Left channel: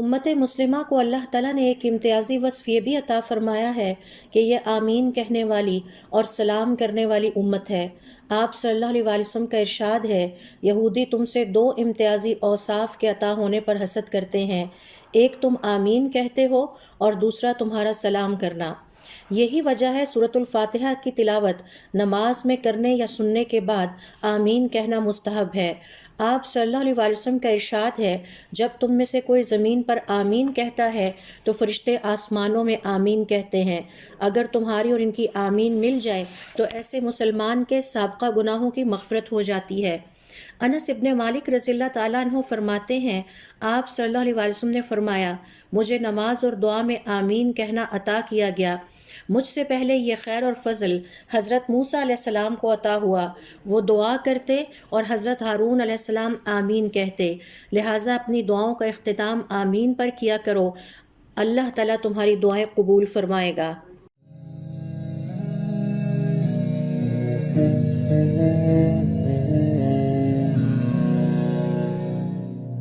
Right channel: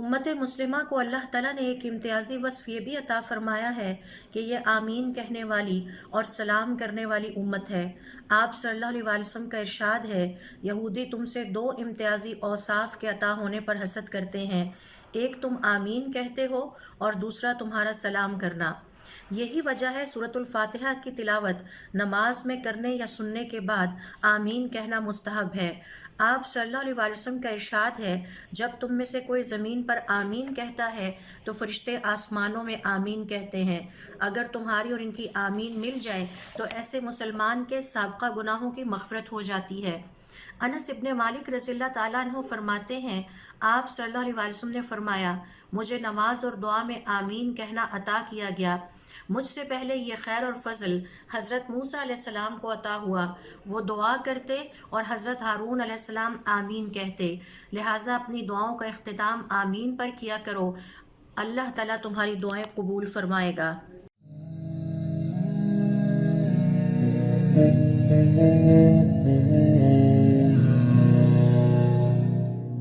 امت مسلمہ کو اللہ تعالیٰ نے ایک امتیازی وصف یہ بھی عطا فرمایا ہے کہ یہ آمین کہنے والی اور سلام کرنے والی امت ہے۔ آپ صلی اللہ علیہ وآلہ وسلم کا ارشاد ہے، یہودی تم سے دو امتیازی اوصاف کے عطا ہونے پر حسد کرتے ہیں، ایک تم آمین کہتے ہو اور دوسرا تمہارا سلام کرنا۔ یہی وجہ ہے سورۃ الفاتحہ کی تلاوت نماز میں کرنے یا سننے کے بعد آمین کہنا مستحب ہے۔ آپ صلی اللہ علیہ وآلہ وسلم کا ارشاد ہے، جب تم میں سے کوئی زمین پر آمین کہتا ہے تو فرشتے آسمانوں میں آمین کہتے ہیں۔ اگر تمہاری اور ان کی آمین مل جائے تو ایسے مسلمان کے سابقہ گناہوں کی مغفرت ہو جاتی ہے۔ انس ابن مالک رضی اللہ تعالیٰ عنہ فرماتے ہیں، آپ صلی اللہ علیہ وآلہ وسلم نے فرمایا، مجھے نماز اور دعا میں آمین کہنا عطا کیا گیا۔ مجھ سے پہلے یہ خیر اور فضل حضرت موسیٰ علیہ السلام کو عطا ہوا، وہ دعا کرتے اور حضرت ہارون علیہ السلام آمین کہتے، لہٰذا اپنی دعاؤں کا اختتام آمین پر کیا کرو، اللہ تعالیٰ تمہاری دعائیں قبول فرمائے گا۔